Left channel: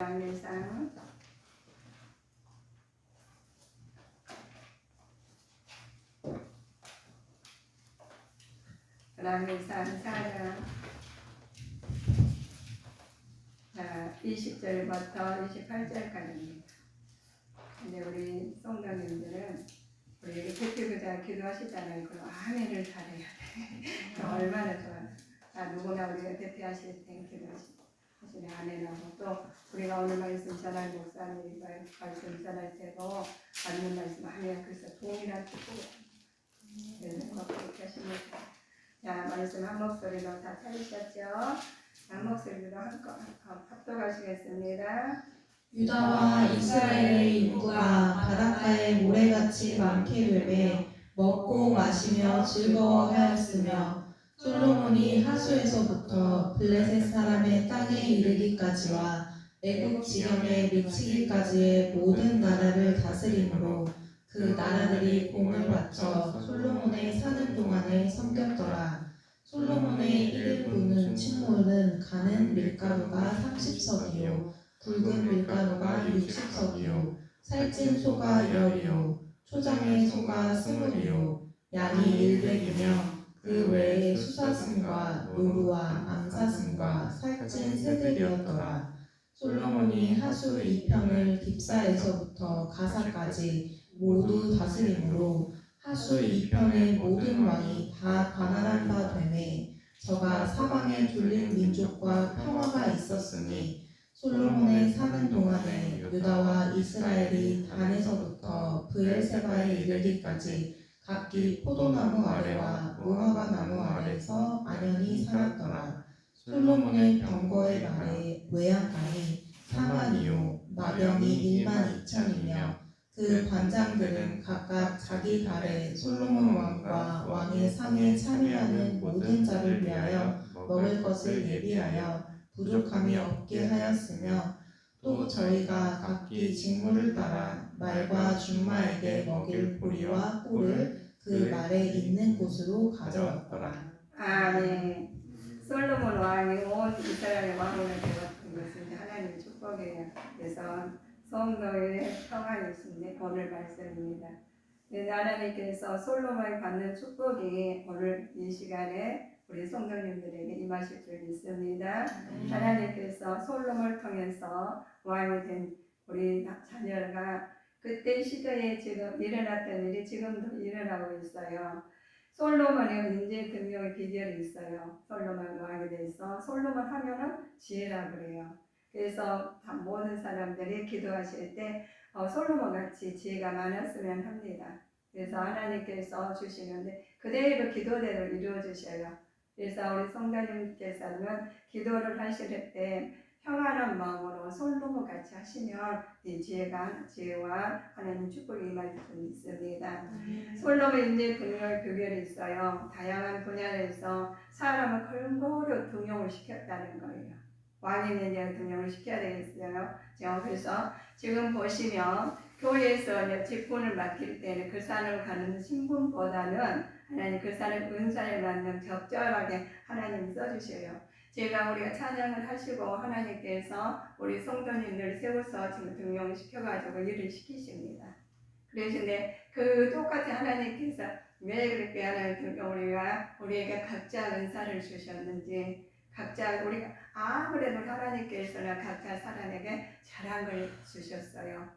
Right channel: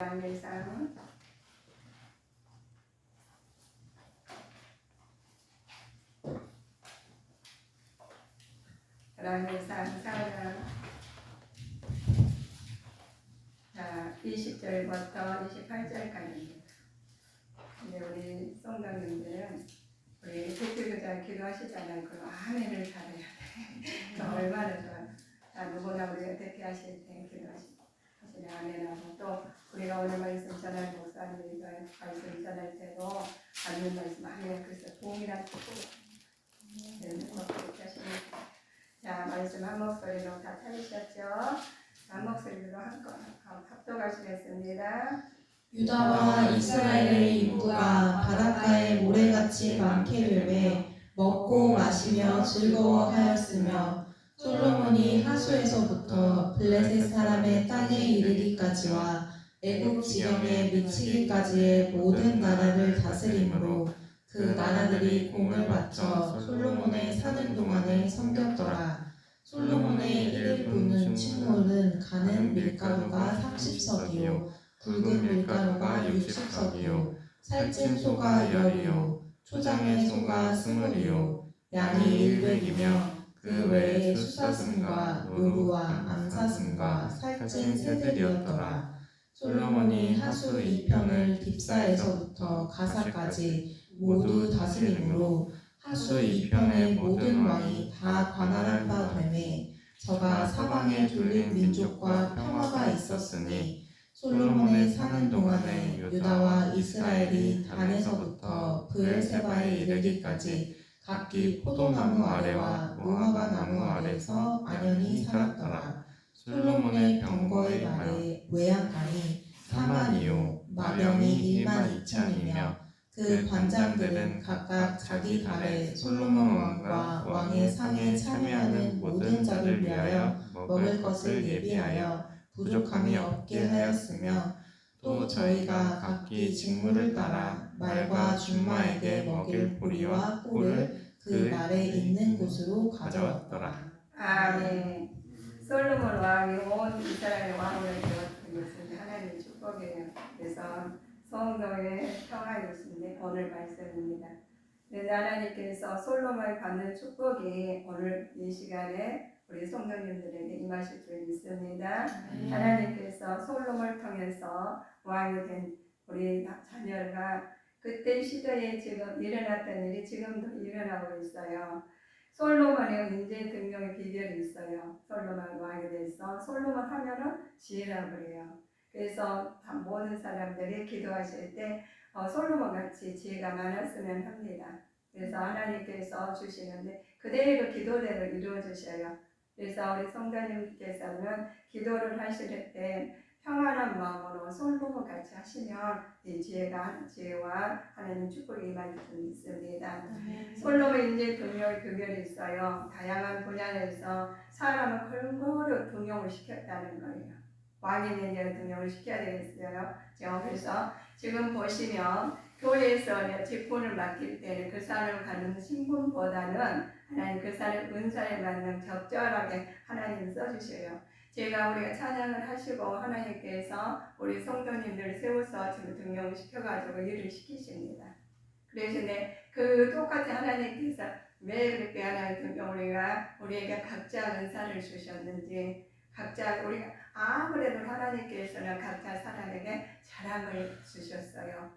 양례상 양례상 4장 20절부터 28절까지입니다. 근데 우리 성도님들은 우리 대표교장 기도하시잖아요. 그 아멘을 잘해야 돼. 얼마나 좋아. 누구나 우리가 대표하실 때 기도하시고 아멘하고 또 우리가 오늘 말씀 전할 목사님이 말씀 전할 때도 받는 말씀 아멘. 그래서 동일한 축복을 그렇게 하십니다. 자, 말씀 한 목소리로 다 찾으셨죠? 한 목소리로 합독하시겠습니다. 유다와 이스라엘의 인구가 바닷가에 모래같이 많게 되매 먹고 마시며 즐거워하였으며 솔로몬이 하수에서부터 블레셋 사람의 땅에 이르기까지와 애굽 지경에 미치기까지의 모든 나라를 다스림으로 그 나라들이 공을 바쳐 솔로몬의 사는 동안에 섬겼더라. 솔로몬의 이를 부는 침몰은 가는 밀가루가 30석이요 굵은 밀가루가 60석이요 살찐 소가 10이요 초장의 소가 20이요 양이 100이며 그 외에 수사슴과 노루와 암사슴과 살찐 새들이었더라. 솔로몬이 하수 2편을 딥사에서부터 가사까지 모두 다스림으로 하수 2편의 모든 왕이 다 관할한 바 되매 저가 사방에 둘린 민족과 평화가 있었으니 솔로몬의 사는 동안에 유다와 이스라엘이 단에서부터 브엘세바에 이르기까지 각기 포도나무 아래와 무화과 나무 아래서 안연히 살았더라. 솔로몬의 병거의 말에 외양간이 4만이요 마병이 1만 2천이며 그 관장들은 각각 자기 달에 솔로몬 왕과 왕의 상에 참여하는 모든 자를 위하여 먹을 것을 예비하여 부족함이 없게 하였으며 또 저희가 각기 직무를 따라 말과 준마에게 먹일 보리와 꿀을 그 말에 있는 곳으로 가져왔더라. 아멘. 솔로몬 왕이 온 이스라엘 왕을 되었던 것은 하나님의 축복이에요. 그래서 성도의 평안이신데 오늘 말씀입니다. 하나님께서 솔로몬이 받는 축복이 오늘 이 시간에 우리 성도님들에게 임하실 줄 믿습니다. 하나님께서 솔로몬을 통해서 왕이 된 우리 자녀가 그때 시대에 지금 일어났던 일이 지금도 일어나고 있어요. 솔로몬의 인재 등용의 비결이 있어요. 솔로몬 왕이 돼서 솔로몬 하면은 지혜라고 그래요. 그래서 모든 사람들이 기도하실 때 솔로몬 같이 지혜가 많았으면 합니다. 그래서 하나님께서 주시는데 그대로 기도대로 이루어 주셔요. 그래서 우리 성도님께서는 기도를 하실 때 평안한 마음으로 솔로몬 같이 하시면 이 지혜와 하나님 축복이 임할 줄 믿습니다. 솔로몬 인재 등용의 비결이 있어요. 다양한 분야에서 사람을 골고루 등용을 시켰다는 거예요. 왕인 이제 등용을 시켜야 되겠어요. 그래서 지금 보시면 교회에서 직분을 맡길 때는 그 산을 가는 신분보다는 하나님 그 산을 은사에 맞는 적절하게 하나님 써주셔요. 우리가 찬양을 하시고 하나님께서 우리 성도님들 세워서 지금 등용시켜가지고 일을 시키십니다. 그래서 그 똑같은 하나님께서 왜 그렇게 하나님 우리에게 각자 은사를 주셨는지 각자 우리가 아무래도 하나님께서는 각자 사람에게 자랑을 주셨어요.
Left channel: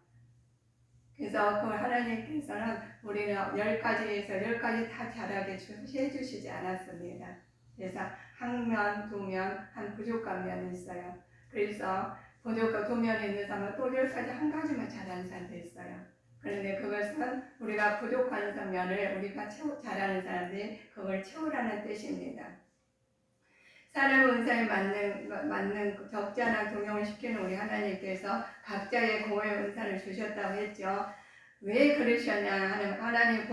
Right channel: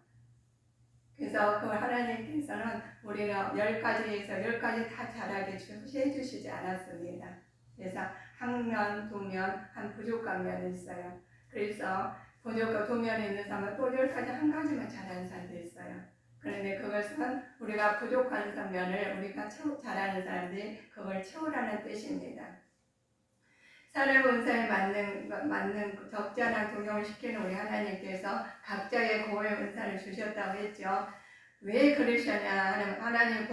그래서 그 하나님께서는 우리는 10가지에서 10가지 다 잘하게 해주시지 않았습니다. 그래서 한 면, 두 면, 한 부족한 면이 있어요. 그래서 부족한 두 면에 있는 사람은 또 10가지 한 가지만 잘하는 사람도 있어요. 그런데 그것은 우리가 부족한 면을 우리가 잘하는 사람들이 그걸 채우라는 뜻입니다. 사람 은사에 맞는 적절한 동용을 시키는 우리 하나님께서 각자의 고의 은사를 주셨다고 했죠. 왜 그러셨냐 하는 하나님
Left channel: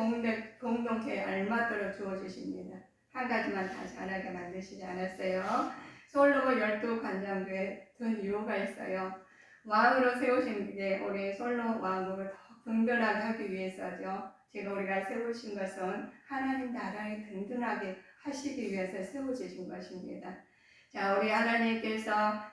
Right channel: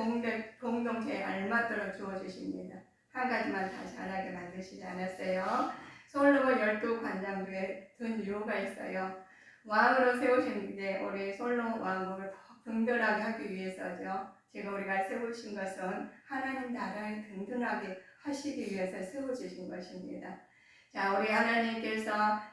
공동체에 알맞도록 주어주십니다. 한 가지만 다 잘하게 만드시지 않았어요. 솔로몬 12관장 중에 든 이유가 있어요. 왕으로 세우신 게 우리 솔로몬 왕국을 더 든든하게 하기 위해서죠. 지금 우리가 세우신 것은 하나님 나라를 든든하게 하시기 위해서 세워주신 것입니다. 자, 우리 하나님께서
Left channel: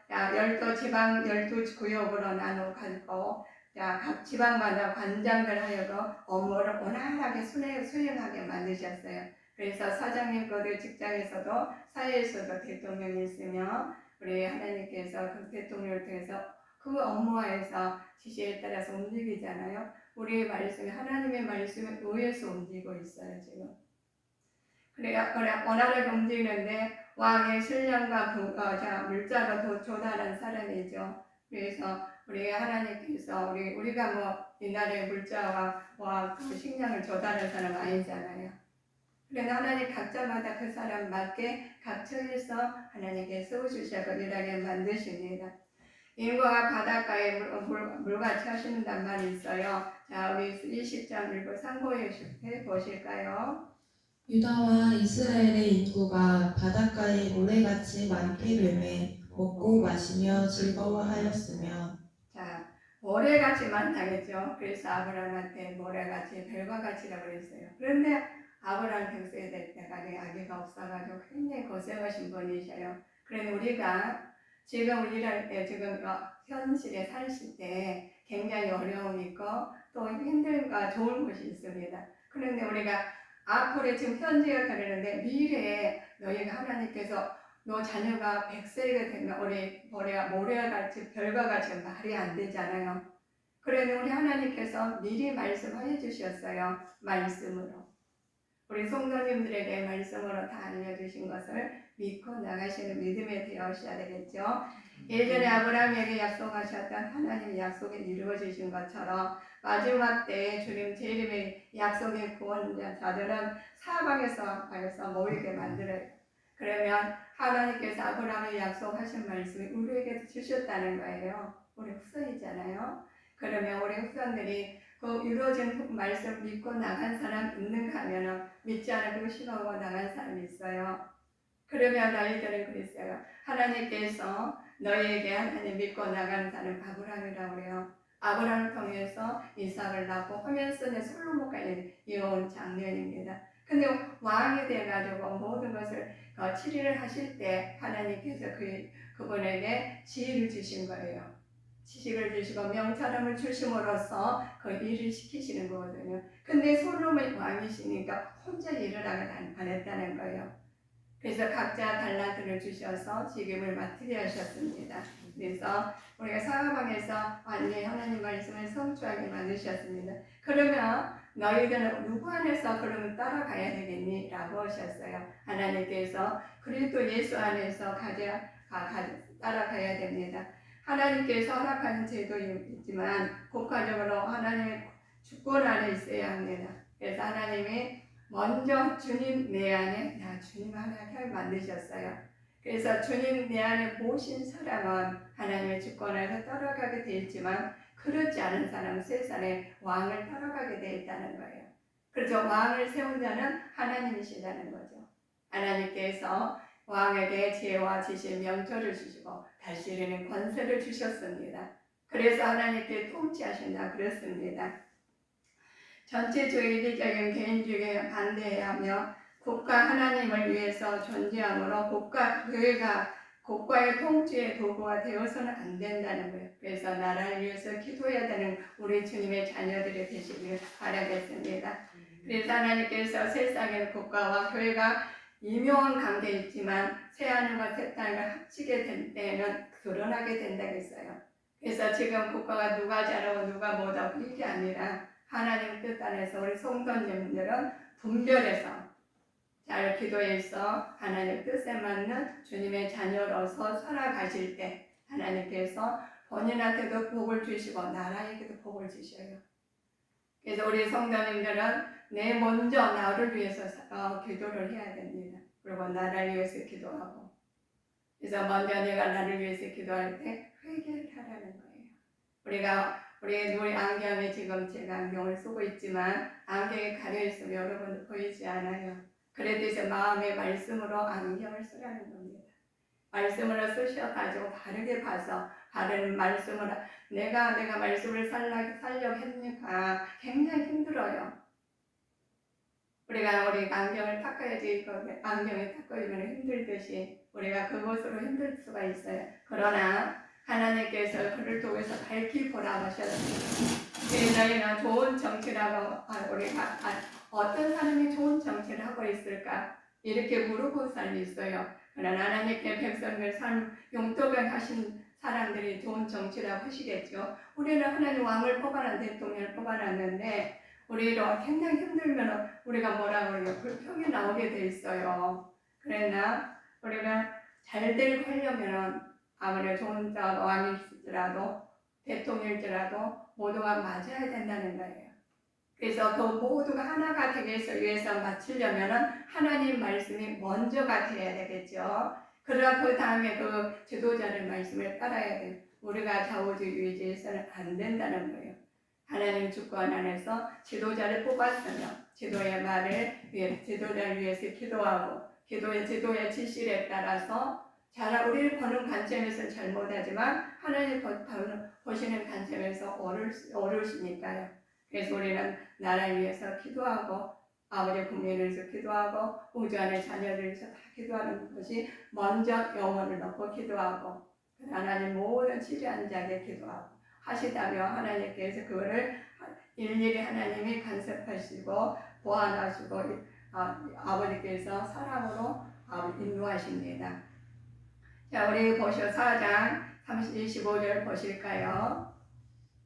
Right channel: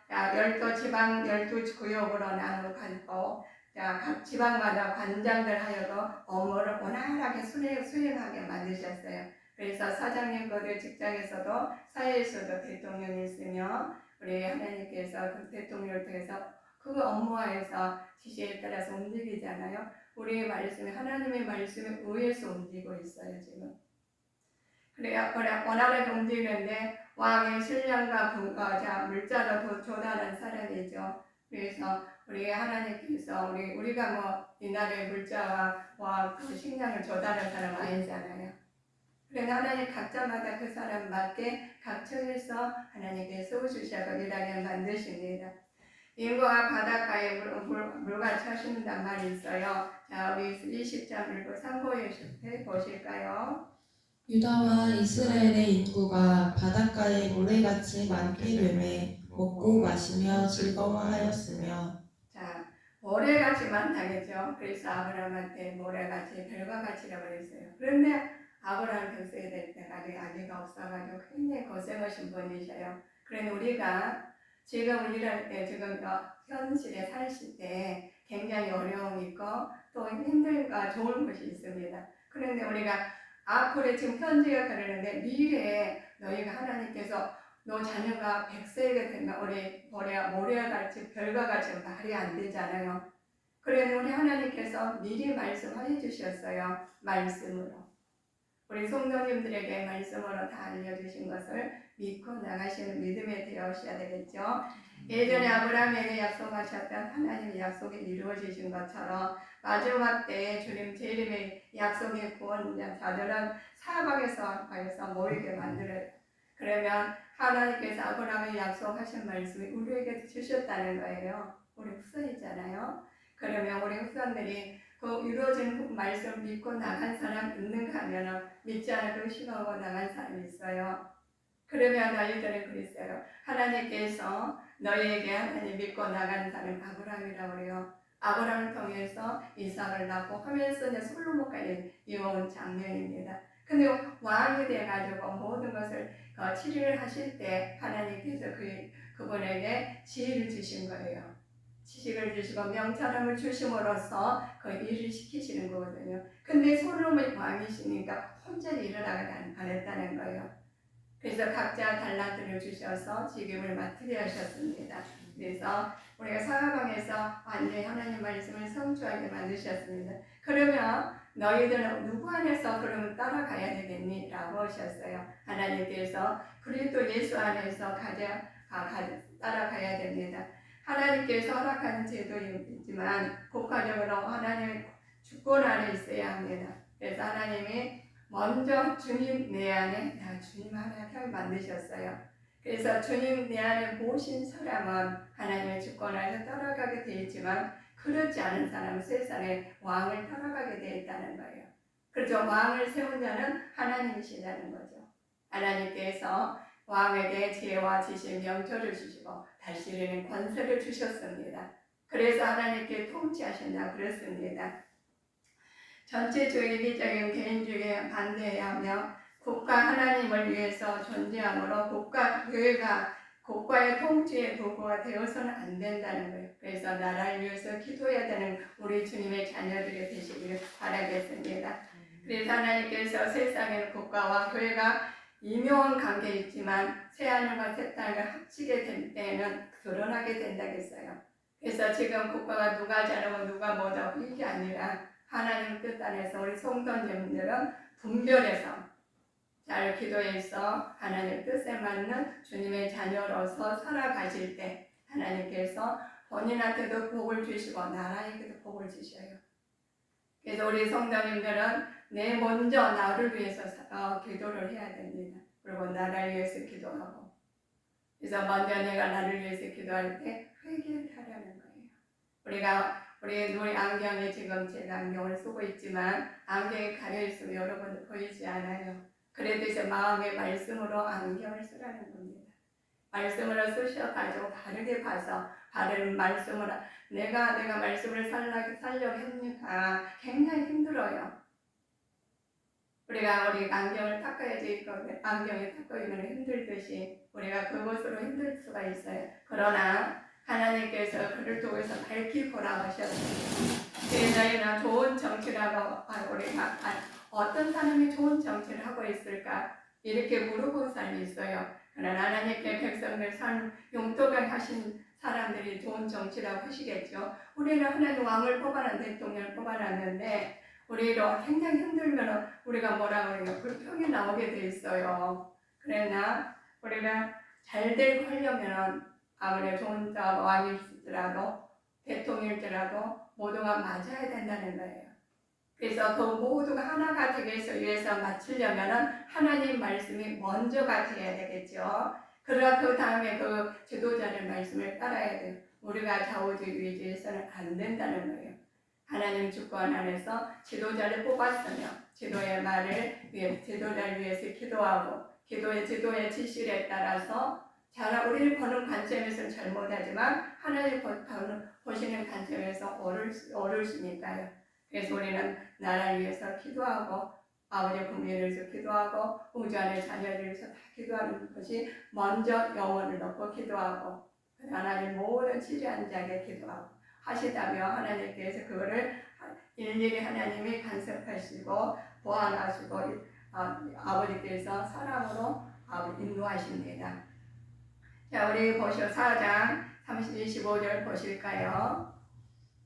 자, 12지방 12구역으로 나눠가지고 자, 각 지방마다 관장들 하여도 업무를 원활하게 수행하게 만드셨어요. 그래서 사장님 거들 직장에서도 사회에서도 대통령이 있으며 우리 하나님께서 그 대통령을 통해서 그 업무하에서 지시에 따라서 움직이잖아요. 우리의 말씀이 하나님의 말씀에 의해서 움직이고 있어요 지금. 그래야 원활하게 움직이는데 왕의 신령과 물자로 조달한 사람이죠. 그래서 우리 하나님께서 우리가 뭐 이날의 물자와 그 식량을 조달한 사람 아니잖아요. 그런데 하나님 각자마다 그 사람 맞게 각처에서 하나님께 세워주셔서 일하게 만드십니다. 인구가 바닷가에 물같이 하신단 말이 있어요. 자, 우리 20장 읽고 참고해 보실까요? 유다와 이스라엘의 인구가 바닷가에 모래같이 많게 되매 먹고 마시며 즐거워하였으며. 자, 모래같이 많다겠죠. 그래서 아브라함한테 모래같이 별과 같이라고 그랬어요. 그런데 아브라함 평소에 될 때까지 아기가 없어가지고 굉장히 고생하신 분이셔요. 그런데 우리가 지금 일할 때 지금 현실에 사실 때 굉장히 어려움이 있고 또 힘들고 좋은 것이 있습니다. 그런데 우리가 앞으로 지금 현재가 그러는데 미래에 너희가 하나님께서 너 자녀가 100세가 되면 우리 모래와 같이 별과 같이 말이 안 되잖아요. 그런데 우리 하나님께서 미리 말씀해 주셨어요. 말씀으로. 우리 성도님들에게 말씀으로 다 알려주신 것을 믿고 나가시는 믿음에 되어셔야 되겠죠. 예전에 아브라함에게 약속하셨던 하나님의 약속이 이루어지신 것처럼 마지막 때에 주님 재림의 약속의 구원자들은 사방에서 모이게 만들어요. 그러면 하나님께서 아브라함에 약속하신 말씀이 우리에게 주셨다는 거예요. 우리 후손이잖아요. 그러면 우리 후손들이 그 이루어진 말씀 믿고 나간 사람 있는가 하면 믿지 않고 의심하고 나간 사람이 있어요. 그러면 너희들은 그랬어요. 하나님께서 너희에게 하나님 믿고 나간 사람 아브라함이라고 그래요. 아브라함을 통해서 이삭을 낳고 하면서 솔로몬까지 이어온 장면입니다. 근데 왕이 돼가지고 모든 것을 치리를 하실 때 하나님께서 그분에게 지혜를 주신 거예요. 지식을 주시고 명철함을 주심으로써 그 일을 시키시는 거거든요. 근데 솔로몬이 왕이시니까 혼자 일을 안 했다는 거예요. 그래서 각자 달란트를 주셔서 직임을 맡게 하셨습니다. 그래서 우리가 사방에서 완전히 하나님 말씀을 성취하게 만드셨습니다. 그러면 너희들은 누구 안에서 그러면 따라가야 되겠니? 라고 하셨어요. 하나님께서 그리스도 예수 안에서 따라가야 됩니다. 하나님께서 허락하는 제도이지만 국가적으로 하나님의 주권 안에 있어야 합니다. 그래서 하나님이 먼저 주님 내 안에 주님 하나님을 만드셨어요. 그래서 주님 내 안에 모신 사람은 하나님의 주권 안에 따라가게 되어 있지만 그렇지 않은 사람은 세상의 왕을 따라가게 되어 있다는 거예요. 그렇죠. 왕을 세운 자는 하나님이시라는 거죠. 하나님께서 왕에게 지혜와 지식, 명철을 주시고 다스리는 권세를 주셨습니다. 그래서 하나님께 통치하신다 그랬습니다. 전체주의, 이기적인 개인주의에 반대해야 하며 국가 하나님을 위해서 존재하므로 교회가 국가의 통치의 도구가 되어서는 안 된다는 거예요. 그래서 나라를 위해서 기도해야 되는 우리 주님의 자녀들이 되시기를 바라겠습니다. 그래서 하나님께서 세상의 국가와 교회가 미묘한 관계에 있지만 새하늘과 새 땅을 합치게 될 때에는 드러나게 된다겠어요. 그래서 지금 국가가 누가 잘하고 누가 못하고 이게 아니라 하나님 뜻 안에서 우리 성도님들은 분별해서 잘 기도해서 하나님 뜻에 맞는 주님의 자녀로서 살아가실 때 하나님께서 본인한테도 복을 주시고 나라에게도 복을 주셔요. 그래서 우리 성도님들은 먼저 나를 위해서 기도를 해야 됩니다. 그리고 나라를 위해서 기도하고 그래서 먼저 내가 나를 위해서 기도할 때 회개를 하라는 거예요. 우리 안경이 지금 제가 안경을 쓰고 있지만 안경이 가려있으면 여러분 보이지 않아요. 그래도 이제 마음의 말씀으로 안경을 쓰라는 겁니다. 말씀으로 쓰셔가지고 바르게 봐서 바른 말씀으로 내가 말씀을 살려고 했니까 굉장히 힘들어요. 우리 안경을 닦아야지 안경이 닦아지면 힘들듯이 우리가 그것으로 힘들 수가 있어요. 그러나 하나님께서 그를 통해서 밝히 보라 하셨습니다. 너희는 좋은 정치라고 우리가 어떤 사람이 좋은 정치를 하고 있을까? 이렇게 물어본 사람이 있어요. 그러나 하나님께 백성들 삶 용도가 하신 사람들이 좋은 정치라고 하시겠죠. 우리는 하나님 왕을 뽑아놨 대통령을 뽑아놨는데 우리로 굉장히 힘들면 우리가 뭐라고 해요? 불평이 나오게 돼 있어요. 그러나 우리는 잘 되고 하려면 아무리 좋은 왕일지라도 대통령일지라도 모두가 맞아야 된다는 거예요. 그래서 그 모두가 하나가 되기 위해서 맞추려면 하나님 말씀이 먼저가 돼야 되겠죠. 그러나 그 다음에 그 지도자의 말씀을 따라야 돼요. 우리가 좌우주의에서는 안 된다는 거예요. 하나님 주권 안에서 지도자를 뽑았으면 지도의 말을 지도자를 위해서 기도하고 지도의 지시에 따라서 우리를 보는 관점에서는 잘못하지만 하나님 보시는 관점에서 옳으시니까요. 그래서 우리는 나라를 위해서 기도하고 아버지의 국민을 위해서 기도하고 우주 안의 자녀들을 위해서 다 기도하는 것이 먼저 영혼을 넣고 기도하고 하나님 모든 치료한 자에게 기도하고 하시다면 하나님께서 그거를 일일이 하나님이 간섭하시고 보완하시고 아버지께서 사랑으로 인도하십니다. 자, 우리 보시오 4장 25절 보실까요?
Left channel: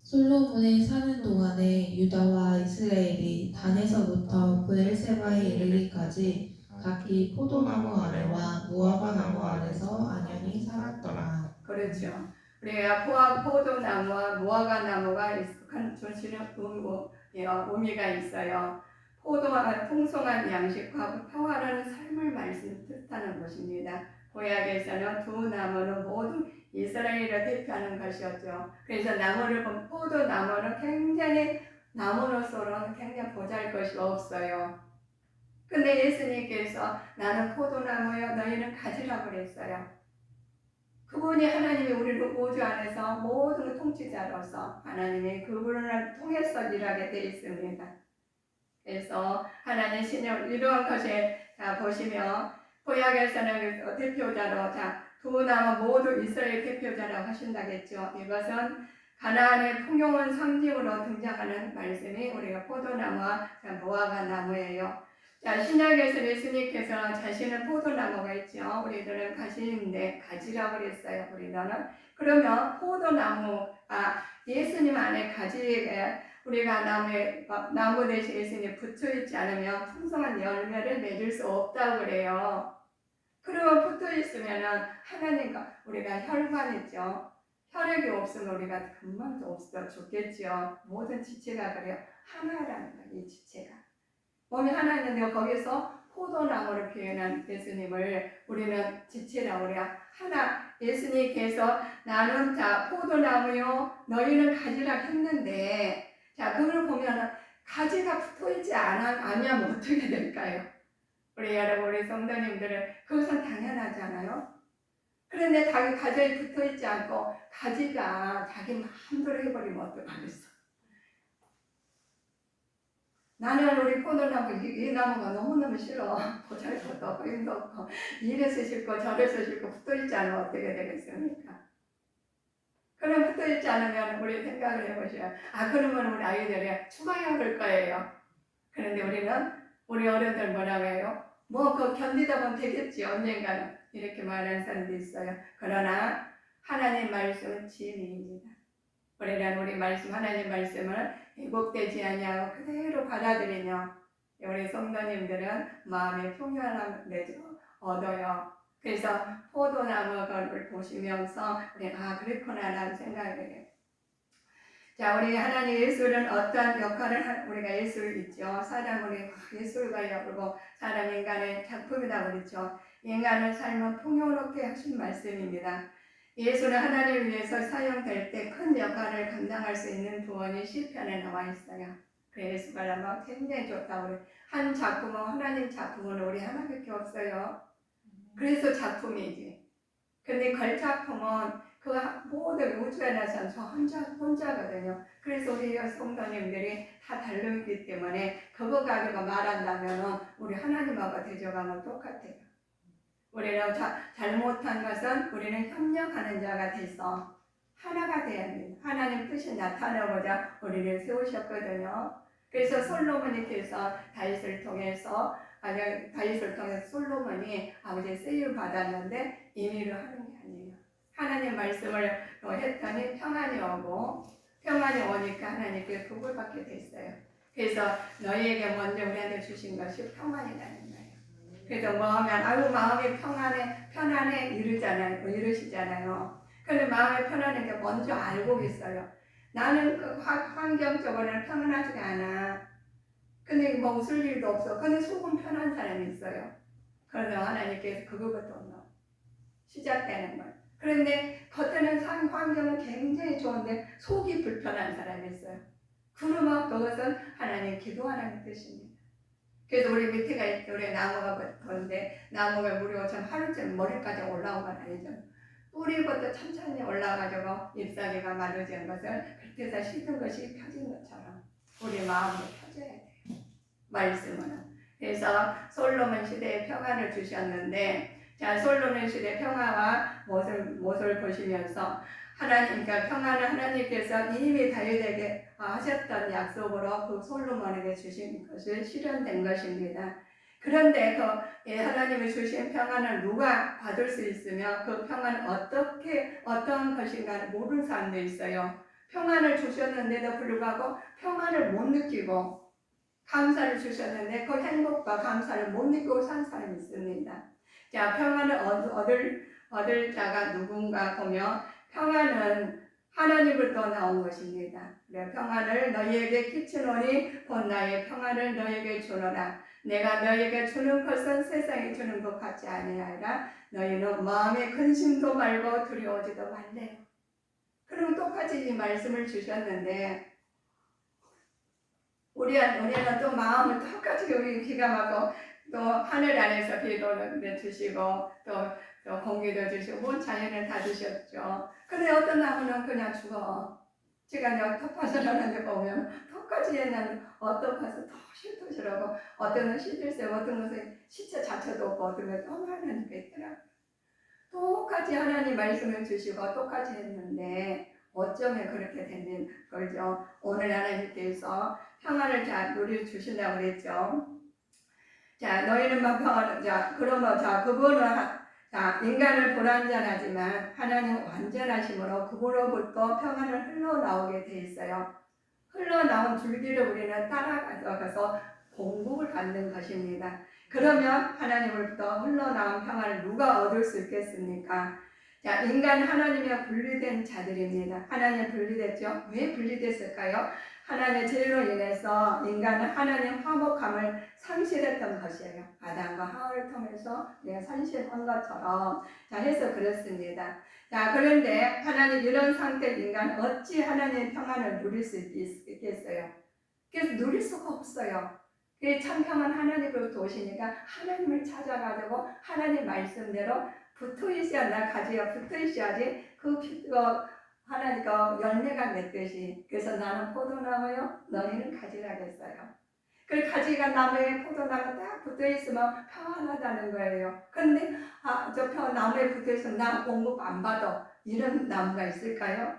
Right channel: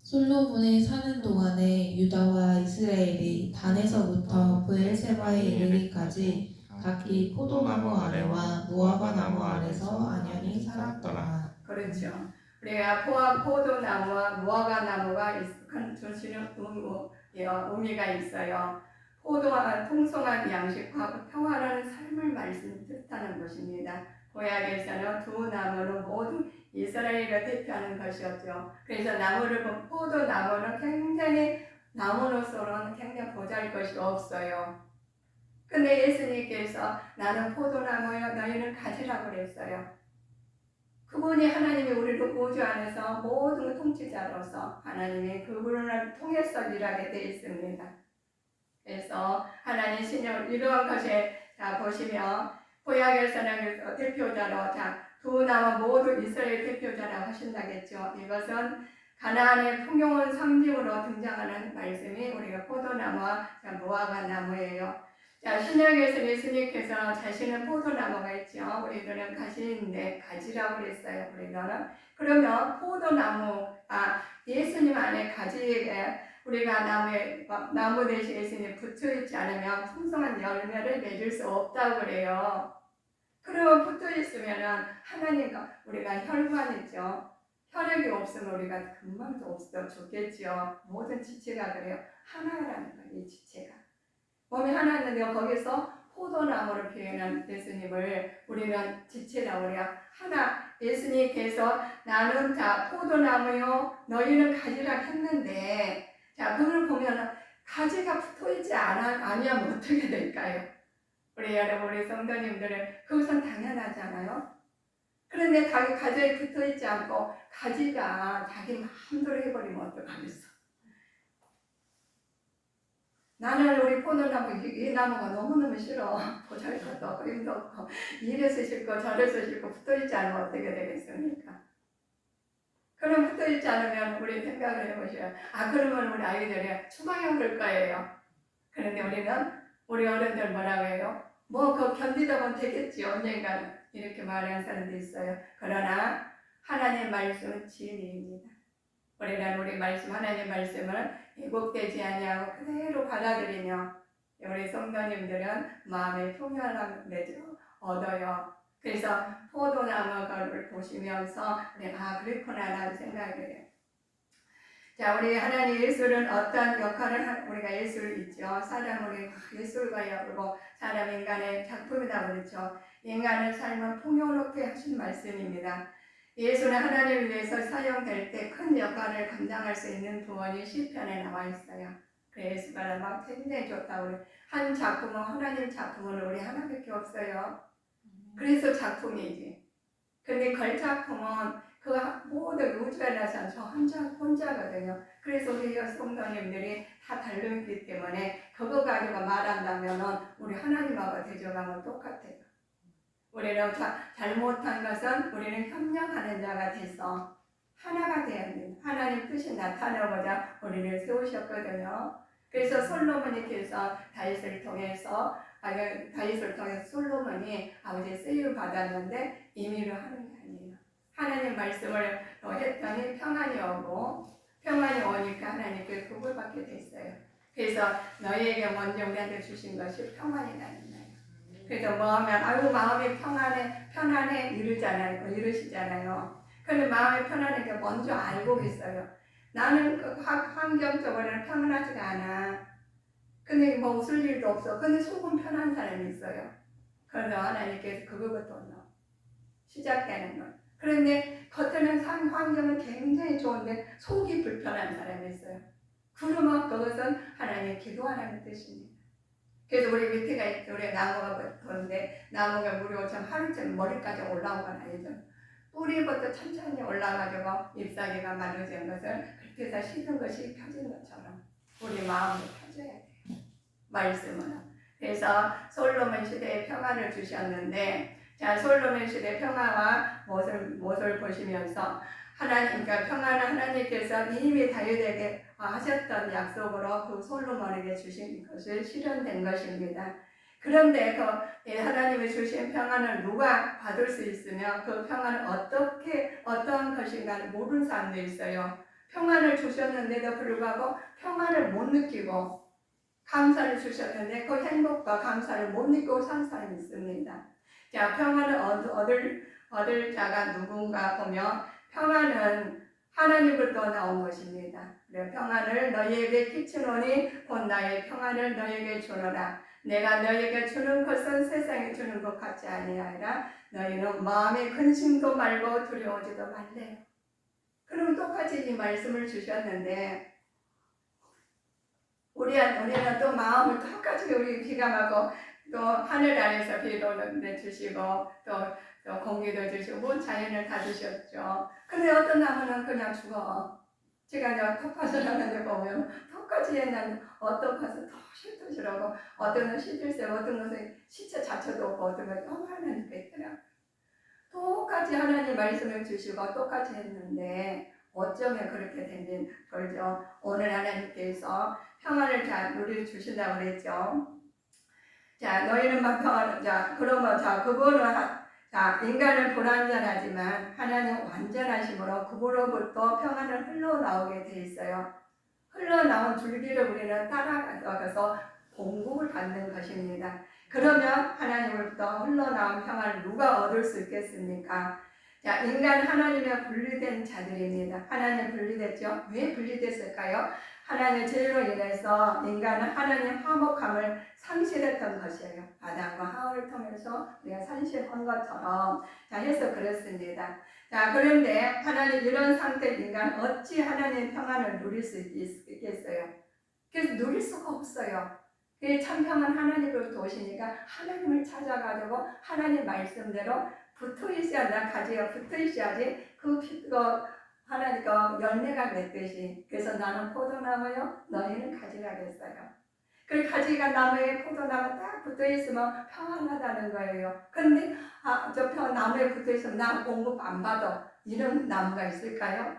솔로몬이 사는 동안에 유다와 이스라엘이 단에서부터 브엘세바에 이르기까지 각기 포도나무 아래와 무화과 나무 아래서 안연히 살았더라. 그렇죠. 우리가 포도나무와 무화과 나무가 주시는 의미가 있어요. 포도와 풍성한 양식과 평화로운 삶을 말씀 뜻하는 것입니다. 구약에서는 두 나무는 모두 이스라엘을 대표하는 것이었죠. 그래서 나무를 보면 포도나무는 굉장히 나무로서는 굉장히 보잘것이 없어요. 근데 예수님께서 나는 포도나무여 너희는 가지라고 그랬어요. 그분이 하나님이 우리를 우주 안에서 모든 통치자로서 하나님이 그분을 통해서 일하게 되어 있습니다. 그래서 하나님 신령 이러한 것에 보시면 구약에서는 대표자로 두 나무 모두 이스라엘 대표자라고 하신다겠죠. 이것은 가나안의 풍요로운 상징으로 등장하는 말씀이 우리가 포도나무와 무화과 나무예요. 신약에서 예수님께서 자신은 포도나무가 있죠. 우리들은 가시인데 가지라고 그랬어요. 우리는 그러면 포도나무 예수님 안에 가지에 우리가 나무 대신에 예수님 붙어있지 않으면 풍성한 열매를 맺을 수 없다고 그래요. 그러면 붙어있으면 하나님과 우리가 혈관이죠. 혈액이 없으면 우리가 금방 없어 죽겠죠. 모든 지체가 그래요. 하나라는 거예요. 이 지체가. 몸이 하나인데 거기서 포도나무를 표현한 예수님을 우리는 지체라고 그래요. 하나 예수님께서 나는 포도나무요 너희는 가지라 했는데 그걸 보면 가지가 붙어있지 않으면 어떻게 될까요? 우리 여러분 우리 성도님들은 그것은 당연하잖아요. 그런데 가지에 붙어있지 않고 가지가 자기 마음대로 해버리면 어떡하겠어. 나는 우리 포도나무 이 나무가 너무너무 싫어. 보잘것도 없고 힘도 없고 이래서 싫고 저래서 싫고 붙어있지 않으면 어떻게 되겠습니까? 그럼 붙어있지 않으면 우리 생각을 해보셔요. 그러면 우리 아이들이 추방을 거예요. 그런데 우리 어른들 뭐라고 해요? 그거 견디다 보면 되겠지 언젠가는 이렇게 말하는 사람도 있어요. 그러나 하나님 말씀은 진리입니다. 우리는 하나님 말씀을 왜곡되지 아니하고 그대로 받아들이며 우리 성도님들은 마음의 평안함을 얻어요. 그래서 포도나무를 보시면서 그렇구나라는 생각을 해요. 우리 하나님 예술은 어떤 역할을 우리가 예술 있죠. 우리 예술가요. 그리고 사람 인간의 작품이다 그렇죠. 인간의 삶은 풍요롭게 하신 말씀입니다. 예술은 하나님을 위해서 사용될 때 큰 역할을 감당할 수 있는 부원이 시편에 나와 있어요. 그래서 예술가는 굉장히 좋다고 한 작품은 하나님 작품은 우리 하나밖에 없어요. 그래서 작품이지. 근데 걸작품은 그 모든 우주에 나선 저 혼자거든요. 그래서 우리 성도님들이 다 다르기 때문에 그거 가지고 말한다면 우리 하나님하고 대적하면 똑같아요. 우리는 잘못한 것은 우리는 협력하는 자가 돼서 하나가 되어야 합니다. 하나님 뜻이 나타나고자 우리를 세우셨거든요. 그래서 솔로몬이께서 다윗을 통해서 솔로몬이 아버지 쓰임 받았는데 임의로 하는 게 아니에요. 하나님 말씀을 했더니 평안이 오니까 하나님께 복을 받게 됐어요. 그래서 너희에게 먼저 우리한테 주신 것이 평안이라는 거예요. 그래서 뭐 하면 마음이 편안해 이러시잖아요. 근데 마음이 편안한 게 먼저 알고 있어요. 나는 그 환경적으로는 평안하지가 않아. 근데 뭐 웃을 일도 없어. 근데 속은 편한 사람이 있어요. 그래서 하나님께서 그거부터 시작되는 거예요. 그런데 겉에는 환경은 굉장히 좋은데 속이 불편한 사람이 있어요. 그러면 그것은 하나님 기도하라는 뜻입니다. 그래서 우리 밑에가 우리 나무가 그런데 나무가 무려 하루쯤 머리까지 올라온 건 아니죠. 뿌리부터 천천히 올라가지고 잎사귀가 마르지 않은 것을 그렇게 해서 시든 것이 펴진 것처럼 우리 마음이 펴져야 돼요. 말씀은. 그래서 솔로몬 시대에 평안을 주셨는데 솔로몬 시대 평화와 못을 보시면서 그러니까 평안은 하나님께서 이미 다윗에게 하셨던 약속으로 그 솔로몬에게 주신 것을 실현된 것입니다. 그런데 하나님이 주신 평안을 누가 받을 수 있으며 그 평안은 어떠한 것인가 모르는 사람도 있어요. 평안을 주셨는데도 불구하고 평안을 못 느끼고 감사를 주셨는데 그 행복과 감사를 못 느끼고 산 사람이 있습니다. 자, 평안을 얻을 자가 누군가 보면 평안은 하나님으로부터 나온 것입니다. 평안을 너희에게 끼치노니 곧 나의 평안을 너희에게 주노라. 내가 너희에게 주는 것은 세상에 주는 것 같지 아니하리라. 너희는 마음에 근심도 말고 두려워지도 말래요. 그럼 똑같이 이 말씀을 주셨는데 우리는 또 마음을 똑같이 우리 기가 막고 또 하늘 아래서 비도 주시고 또 공기도 주시고 자연을 다 주셨죠. 근데 어떤 나무는 그냥 죽어. 제가 내가 텃밭을 하는데 보면 텃까지 했는데 어떤 것은 더 싫더라고. 어떤 것은 시들새, 어떤 것은 시체 자체도 없고 어떤 것은 너무 하나님께 있더라고. 똑같이 하나님 말씀을 주시고 똑같이 했는데 어쩌면 그렇게 되는 걸죠. 오늘 하나님께서 평안을 잘 누려주신다고 그랬죠. 자, 너희는 막 평안을, 그분은, 인간을 불완전하지만 하나님 완전하심으로 그분으로부터 평안을 흘러나오게 돼 있어요. 흘러나온 줄기를 우리는 따라가서 공급을 받는 것입니다. 그러면 하나님으로부터 흘러나온 평안을 누가 얻을 수 있겠습니까? 자, 인간 하나님의 분리된 자들입니다. 하나님 분리됐죠? 왜 분리됐을까요? 하나님의 죄로 인해서 인간은 하나님 화목함을 상실했던 것이에요. 아담과 하와를 통해서 우리가 상실한 것처럼 해서 그렇습니다. 자, 그런데 하나님 이런 상태 인간 어찌 하나님의 평안을 누릴 수 있겠어요? 그래서 누릴 수가 없어요. 참 평안 하나님으로부터 오시니까 하나님을 찾아가지고 하나님 말씀대로 붙어있어야 가지가 붙어있어야지 하나님과 열매가 맺듯이. 그래서 나는 포도나무요 너희는 가지가 됐어요. 그 가지가 나무에 포도나무 딱 붙어있으면 평안하다는 거예요. 근데 나무에 붙어있으면 나 공급 안 받아 이런 나무가 있을까요?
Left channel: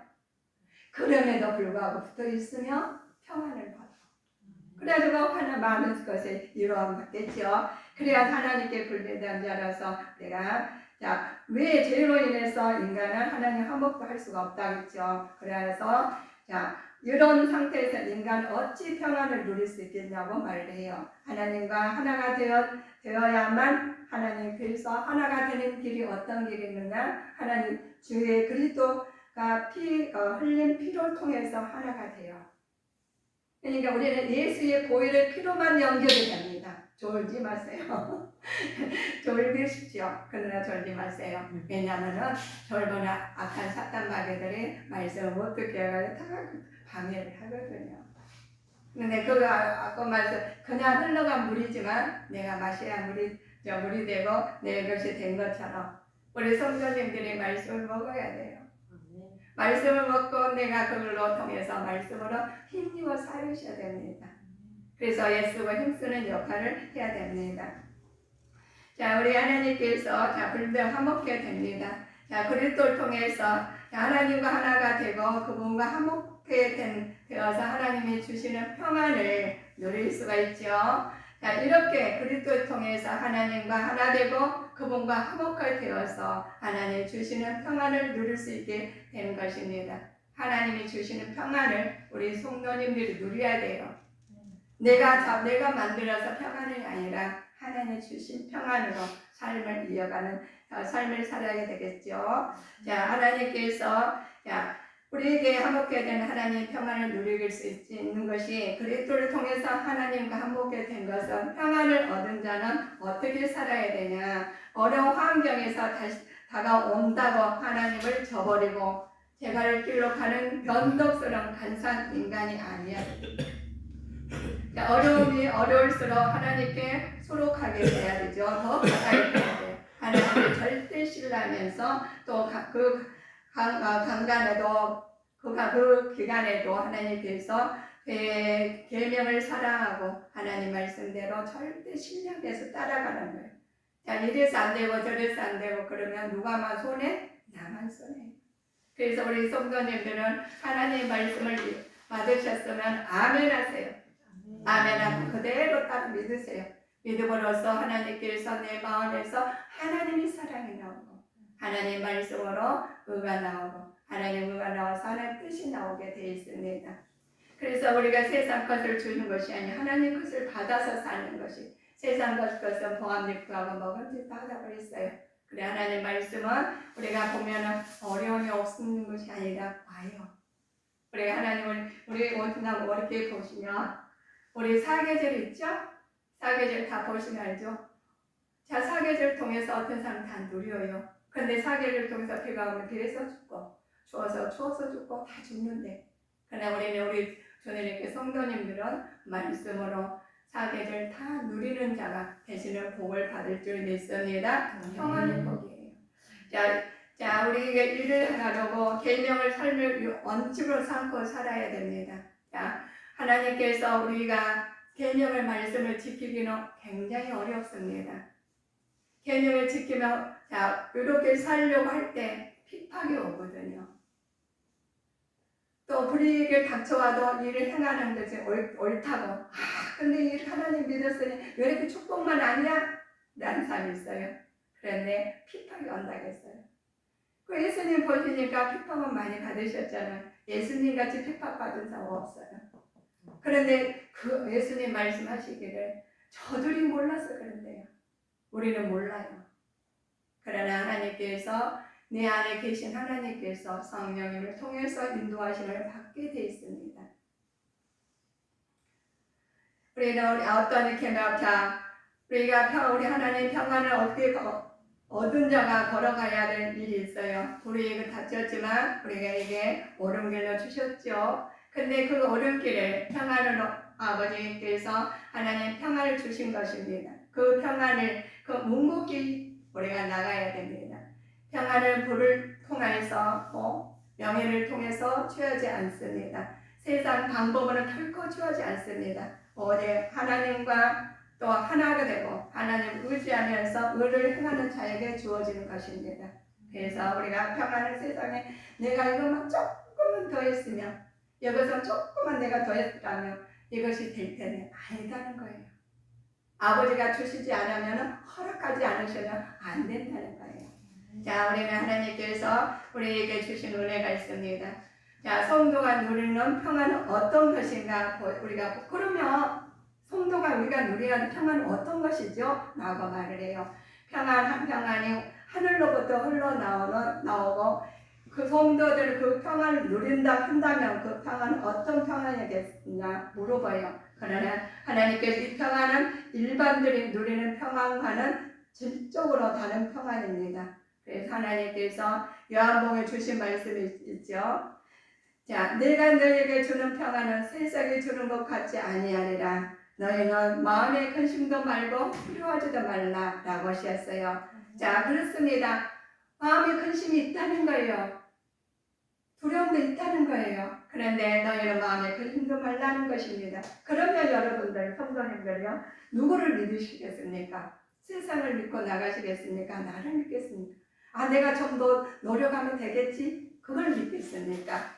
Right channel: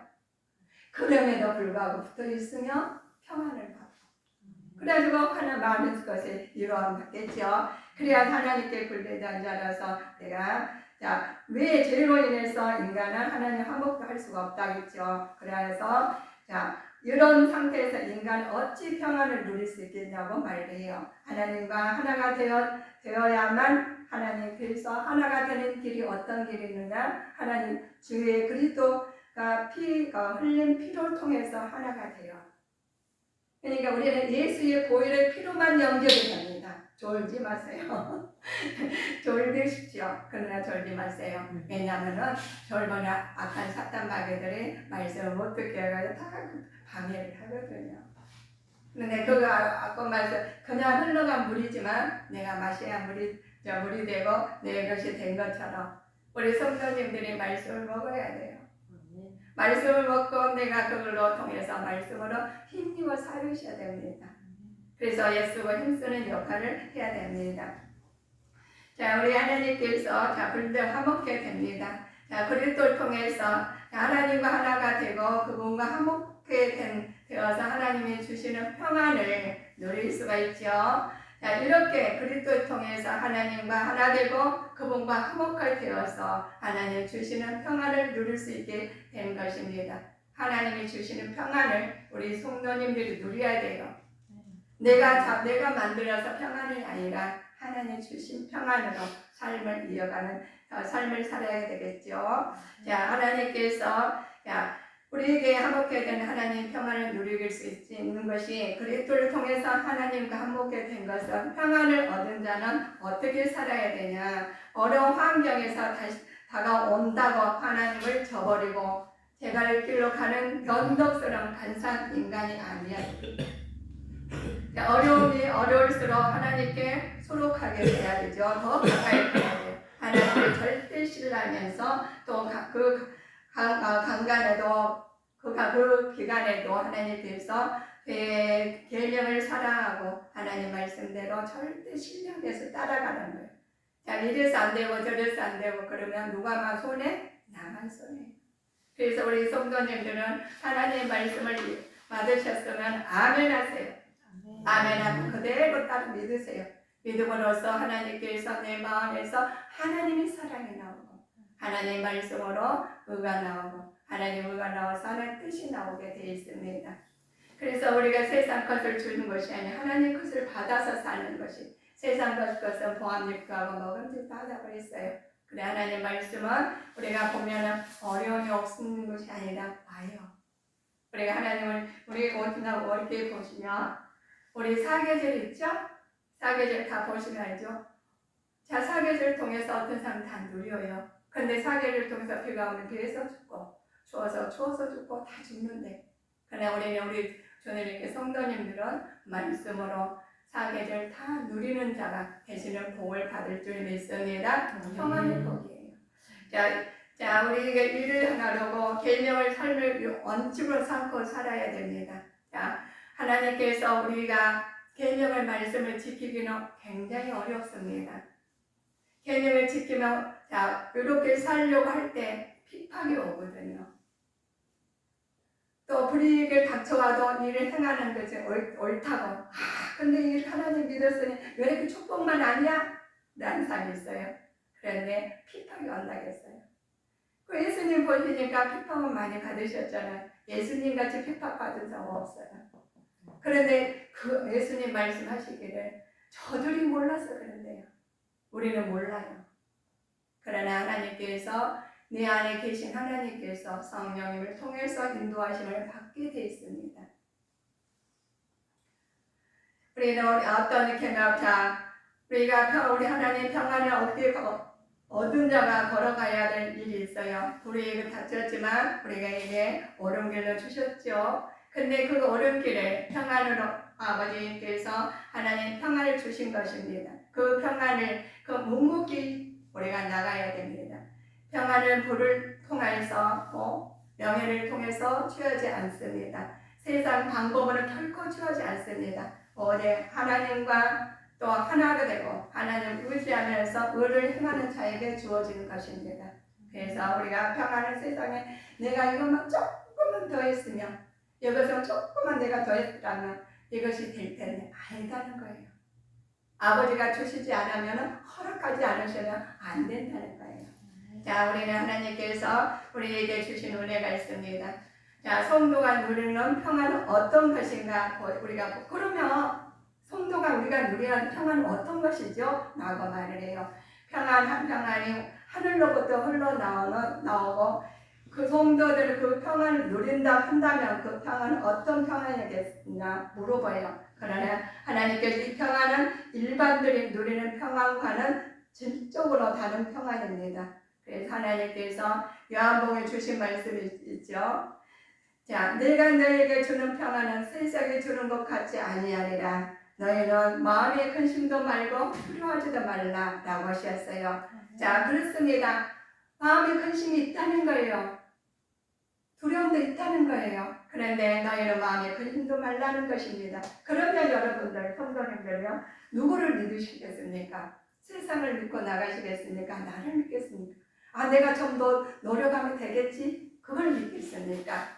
그럼에도 불구하고 붙어있으면 평안을 받아. 그래가지고 하나 많은 것을 이루어 받겠죠. 그래야 하나님께 분리된 자라서 왜 죄로 인해서 인간은 하나님 화목도 할 수가 없다겠죠. 그래서 이런 상태에서 인간은 어찌 평안을 누릴 수 있겠냐고 말해요. 하나님과 하나가 되어야만 하나님께서 하나가 되는 길이 어떤 길이 있느냐? 하나님 주의 그리스도가 흘린 피를 통해서 하나가 돼요. 그러니까 우리는 예수의 보혈의 피로만 연결이 됩니다. 졸지 마세요. 졸기십시오. 그러나 졸지 마세요. 왜냐하면 졸면 악한 사탄 마귀들이 말씀을 못 듣게 해가지고 다 방해를 하거든요. 근데 그거 아까 말씀 그냥 흘러간 물이지만 내가 마셔야 물이 되고 내 것이 된 것처럼 우리 성도님들이 말씀을 먹어야 돼요. 말씀을 먹고 내가 그걸로 통해서 말씀으로 힘입어 살으셔야 됩니다. 그래서 예수가 힘쓰는 역할을 해야 됩니다. 자, 우리 하나님께서 자, 불들 화목게 됩니다. 자, 그리스도를 통해서 하나님과 하나가 되고 그분과 화목게 되어서 하나님이 주시는 평안을 누릴 수가 있죠. 자, 이렇게 그리스도를 통해서 하나님과 하나 되고 그분과 화목하게 되어서 하나님 주시는 평안을 누릴 수 있게 되는 것입니다. 하나님이 주시는 평안을 우리 성도님들이 누려야 돼요. 내가 만들어서 평안이 아니라 하나님 주신 평안으로 삶을 이어가는 삶을 살아야 되겠죠. 자, 하나님께서 우리에게 화목하게 된 하나님 평안을 누릴 수 있는 것이 그리스도를 통해서 하나님과 화목하게 된 것은 평안을 얻은 자는 어떻게 살아야 되냐. 어려운 환경에서 다시 다가온다고 하나님을 저버리고 제갈 길로 가는 변덕스러운 간사한 인간이 아니야. 어려움이 어려울수록 하나님께 소록하게 돼야 되죠. 더 가까이 돼야 돼요. 하나님을 절대 신뢰하면서 또 그 강간에도 그 기간에도 하나님께서 계명을 사랑하고 하나님 말씀대로 절대 신뢰해서 따라가는 거예요. 자, 이래서 안 되고 저래서 안 되고 그러면 누가만 손해? 나만 손해. 그래서 우리 성도님들은 하나님의 말씀을 받으셨으면 아멘 하세요. 아멘 하고 그대로 딱 믿으세요. 믿음으로써 하나님께서 내 마음에서 하나님의 사랑이 나오고 하나님의 말씀으로 의가 나오고 하나님 의가 나와서 하나님의 뜻이 나오게 되어 있습니다. 그래서 우리가 세상 것을 주는 것이 아니라 하나님 것을 받아서 사는 것이 세상 것은 보암직하고 먹음직 받아버렸어요. 그래 하나님 말씀은 우리가 보면 어려움이 없는 것이 아니라 와요. 우리가 하나님을 우리 어떻게 보시면 우리 사계절 있죠? 사계절 다 보시면 알죠? 자, 사계절 통해서 어떤 사람 다 누려요. 근데 사계절 통해서 비가 오면 비에서 죽고 추워서 죽고 다 죽는데 그러나 우리 주님께 성도님들은 말씀으로 사계절 다 누리는 자가 되시는 복을 받을 줄 믿습니다. 평안의 복이에요. 자, 우리에게 일을 하나로고 계명을 삶을 원칙으로 삼고 살아야 됩니다. 자, 하나님께서 우리가 계명을 말씀을 지키기는 굉장히 어렵습니다. 계명을 지키며 이렇게 살려고 할 때 핍박이 오거든요. 또 불이익을 닥쳐와도 일을 행하는 것이 옳다고. 근데 하나님 믿었으니 왜 이렇게 축복만 아니야? 라는 사람이 있어요. 그런데 핍박이 온다겠어요. 그 예수님 보시니까 핍박은 많이 받으셨잖아요. 예수님 같이 핍박 받은 사람 없어요. 그런데 그 예수님 말씀하시기를 저들이 몰라서 그런데요. 우리는 몰라요. 그러나 하나님께서 내 안에 계신 하나님께서 성령님을 통해서 인도하심을 받게 되어 있습니다. 우리는 어떤 우리 하나님 평안을 어떻게 얻은 자가 걸어가야 될 일이 있어요. 불이익을 닥쳤지만 우리에게 옳은 길로 주셨죠. 근데 그 옳은 길을 평안으로 아버지께서 하나님 평안을 주신 것입니다. 그 평안을 묵묵히 우리가 나가야 됩니다. 평안을 불을 통해서 명예를 통해서 취하지 않습니다. 세상 방법으로 결코 취하지 않습니다. 오직 하나님과 또 하나가 되고 하나님을 의지하면서 의를 행하는 자에게 주어지는 것입니다. 그래서 우리가 평안을 세상에 내가 이것만 조금만 더 했으면 이것은 조금만 내가 더 했다면 이것이 될 텐데 아니다는 거예요. 아버지가 주시지 않으면 허락하지 않으시면 안 된다는 거예요. 자, 우리는 하나님께서 우리에게 주신 은혜가 있습니다. 자, 성도가 누리는 평안은 어떤 것인가? 우리가 그러면 성도가 우리가 누려야 하는 평안은 어떤 것이죠? 라고 말을 해요. 평안이 하늘로부터 흘러나오고 그 성도들 그 평안을 누린다 한다면 그 평안은 어떤 평안이겠냐 물어봐요. 그러나 하나님께서 이 평안은 일반들이 누리는 평안과는 질적으로 다른 평안입니다. 그래서 하나님께서 요한복음에 주신 말씀이 있죠. 자, 내가 너에게 주는 평안은 세상에 주는 것 같지 아니하리라. 너희는 마음의 근심도 말고 두려워하지도 말라라고 하셨어요. 자, 그렇습니다. 마음의 근심이 있다는 거예요. 두려움도 있다는 거예요. 그런데 너희는 마음에 근심도 말라는 것입니다. 그러면 여러분들 성도님들요 누구를 믿으시겠습니까? 세상을 믿고 나가시겠습니까? 나를 믿겠습니까? 아, 내가 좀 더 노력하면 되겠지? 그걸 믿겠습니까?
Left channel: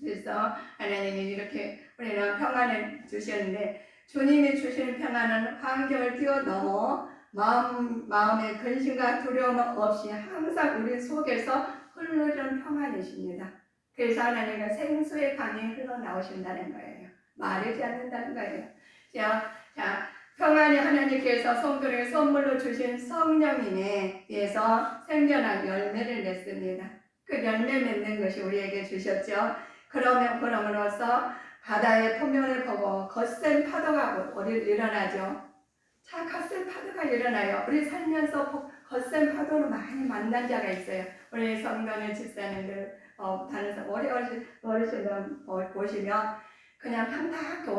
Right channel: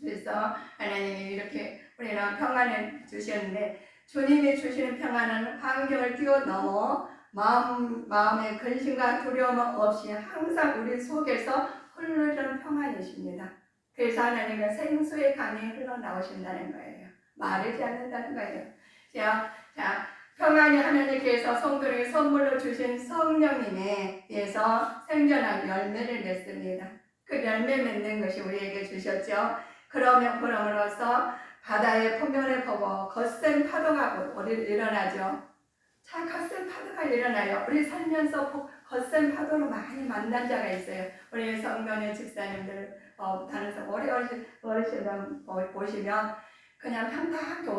그래서 하나님이 이렇게 우리는 평안을 주셨는데, 주님이 주시는 평안은 환경을 뛰어넘어 마음의 근심과 두려움 없이 항상 우리 속에서 흐르는 평안이십니다. 그래서 하나님은 생수의 강이 흘러나오신다는 거예요. 마르지 않는다는 거예요. 자, 평안이 하나님께서 성도에게 선물로 주신 성령님에 의해서 생존하고 열매를 맺습니다. 그 열매 맺는 것이 우리에게 주셨죠. 그럼으로써 바다의 포면을 보고 거센 파도가 우리를 일어나죠. 자, 거센 파도가 일어나요. 우리 살면서 거센 파도로 많이 만난 자가 있어요. 우리 성도님 집사님들 다른 어르신들 보시면 그냥 평탄하게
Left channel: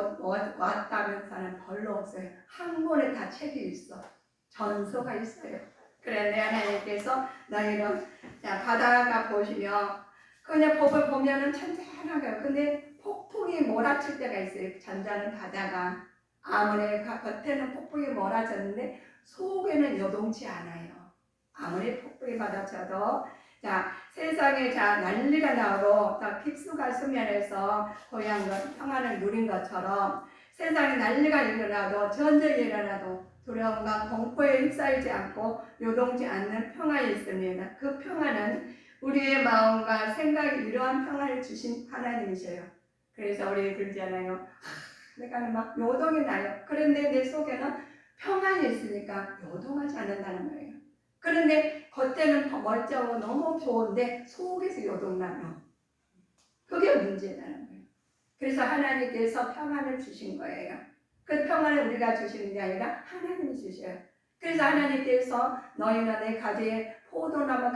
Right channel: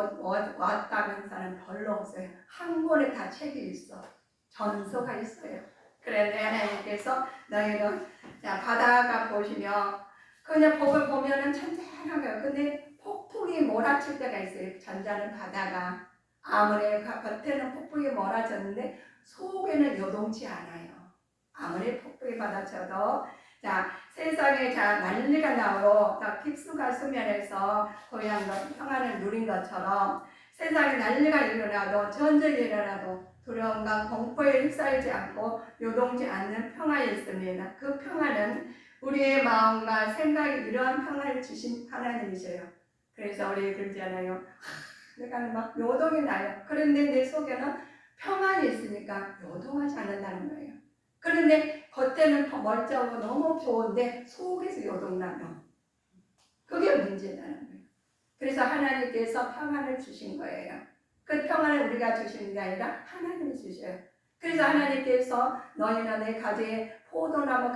왔다는 사람 별로 없어요. 한 권에 다 책이 있어. 전서가 있어요. 그런데 하나님께서 너희는 자, 바다가 보시면 그냥 복을 보면은 잔잔하고요. 근데 폭풍이 몰아칠 때가 있어요. 잔잔한 바다가. 아무리 겉에는 폭풍이 몰아쳤는데 속에는 요동치 않아요. 아무리 폭풍이 받아쳐도 자, 세상에 자 난리가 나고 자 핍수가 수면에서 고향 평안을 누린 것처럼 세상에 난리가 일어나도 전쟁이 일어나도 두려움과 공포에 휩싸이지 않고 요동치 않는 평안이 있습니다. 그 평안은 우리의 마음과 생각이 이러한 평안을 주신 하나님이셔요. 그래서 우리 그러잖아요. 내가 막 요동이 나요. 그런데 내 속에는 평안이 있으니까 요동하지 않는다는 거예요. 그런데 겉에는 더 멀쩡하고 너무 좋은데 속에서 요동나면 그게 문제라는 거예요. 그래서 하나님께서 평안을 주신 거예요. 그 평안을 우리가 주시는 게 아니라 하나님이 주셔요. 그래서 하나님께서 너희는 내 가지에 포도나무가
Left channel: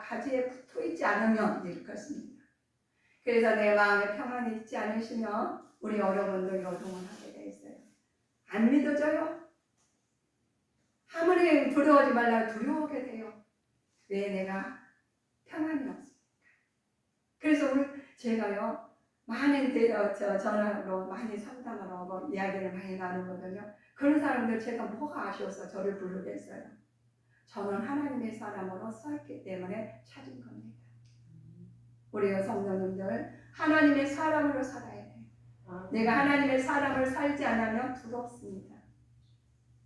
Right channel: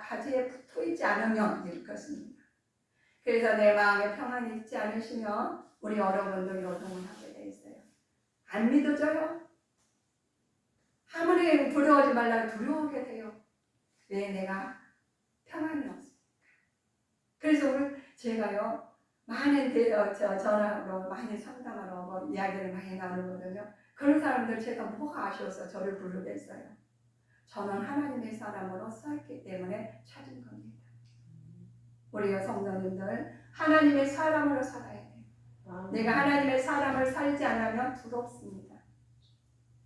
가지에 붙어있지 않으면 이럴 것입니다. 그래서 내 마음에 평안이 있지 않으시면 우리 여러분들 요동을 하게 돼 있어요. 안 믿어져요? 아무리 두려워하지 말라고 두려워하게 돼요. 왜 내가 평안이 없습니까? 그래서 오늘 제가요 많은 전화로 많이 상담을 하고 이야기를 많이 나누거든요. 그런 사람들 제가 뭐가 아쉬워서 저를 부르겠어요. 저는 하나님의 사람으로 쌓였기 때문에 찾은 겁니다. 우리 성도님들 하나님의 사람으로 살아야 돼요. 내가 하나님의 사람을 살지 않으면 두렵습니다.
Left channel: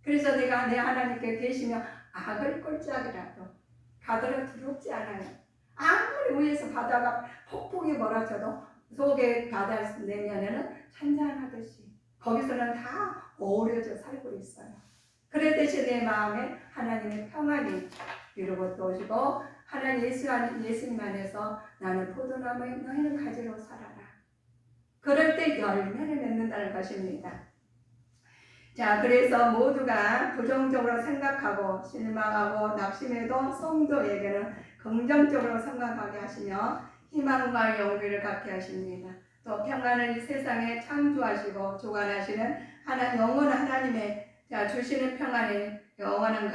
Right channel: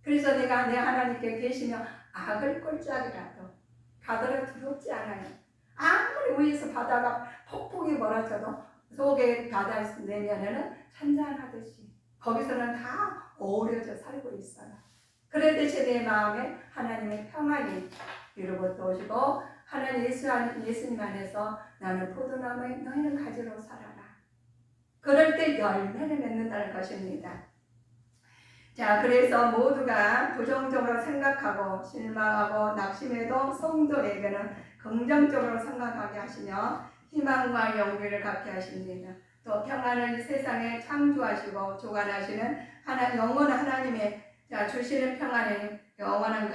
그래서 내가 내 하나님께 계시며 악을 꼴짝이라도 가더라도 두렵지 않아요. 아무리 위에서 바다가 폭풍이 몰아쳐도 속에 바다 내면에는 찬잔하듯이 거기서는 다 어우러져 살고 있어요. 그랬듯이 내 마음에 하나님의 평안이 이루고 또 오시고 하나님 예수님 안에서 나는 포도나무에 너희는 가지로 살아라. 그럴 때 열매를 맺는다는 것입니다. 자, 그래서 모두가 부정적으로 생각하고 실망하고 낙심해도 성도에게는 긍정적으로 생각하게 하시며 희망과 용기를 갖게 하십니다. 또 평안을 세상에 창조하시고 주관하시는 영원한 하나님의 주시는 평안이 영원한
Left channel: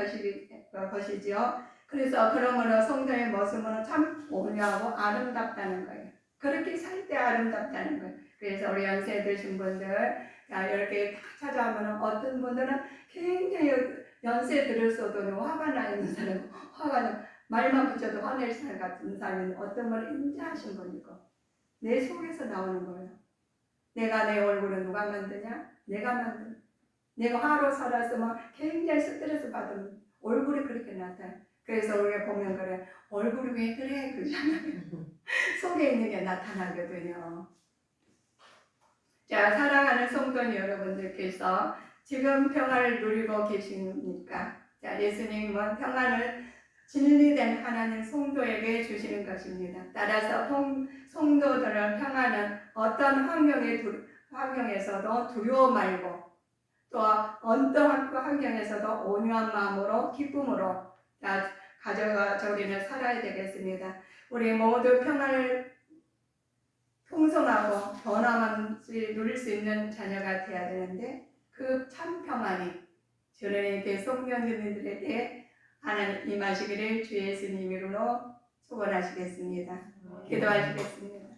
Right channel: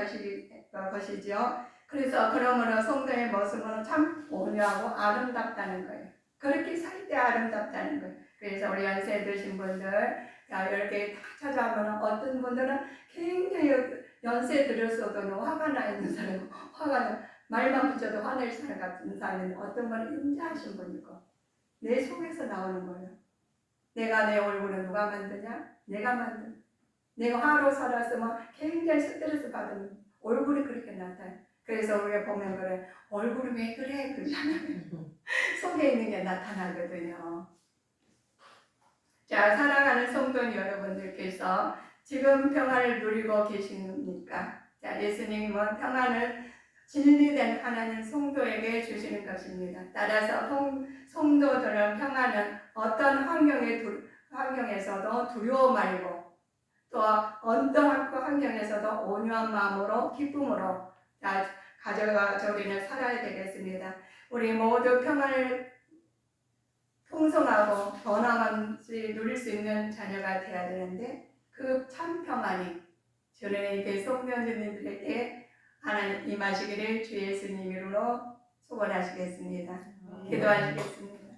것이죠. 그래서 그러므로 성도의 모습은 참 온유하고 아름답다는 거예요. 그렇게 살 때 아름답다는 거예요. 그래서 우리 연세 드신 분들 이렇게 다 찾아오면 어떤 분들은 굉장히 연세 들었어도 화가 나 있는 사람, 말만 붙여도 화낼 사람 같은 사람이 어떤 분은 인자하신 분이고 내 속에서 나오는 거예요. 내가 내 얼굴을 누가 만드냐? 내가 만든. 내가 화로 살았으면 굉장히 스트레스 받은 얼굴이 그렇게 나타나요. 그래서 우리가 보면 그래, 얼굴이 왜 그래? 그러잖아요. 속에 있는 게 나타나거든요. 자, 사랑하는 성도 여러분들께서 지금 평안을 누리고 계십니까? 자, 예수님은 평안을 진리된 하나님 성도에게 주시는 것입니다. 따라서 성도들은 평안은 어떤 환경에서도 두려워 말고 또 어떤 환경에서도 온유한 마음으로 기쁨으로 가져가 우리는 살아야 되겠습니다. 우리 모두 평안을 풍성하고 변함없이 누릴 수 있는 자녀가 되어야 되는데 그 참 평안이 저는 성도님들에게 하나님 임하시기를 주 예수님 이름으로 소원하시겠습니다. 기도하시겠습니다.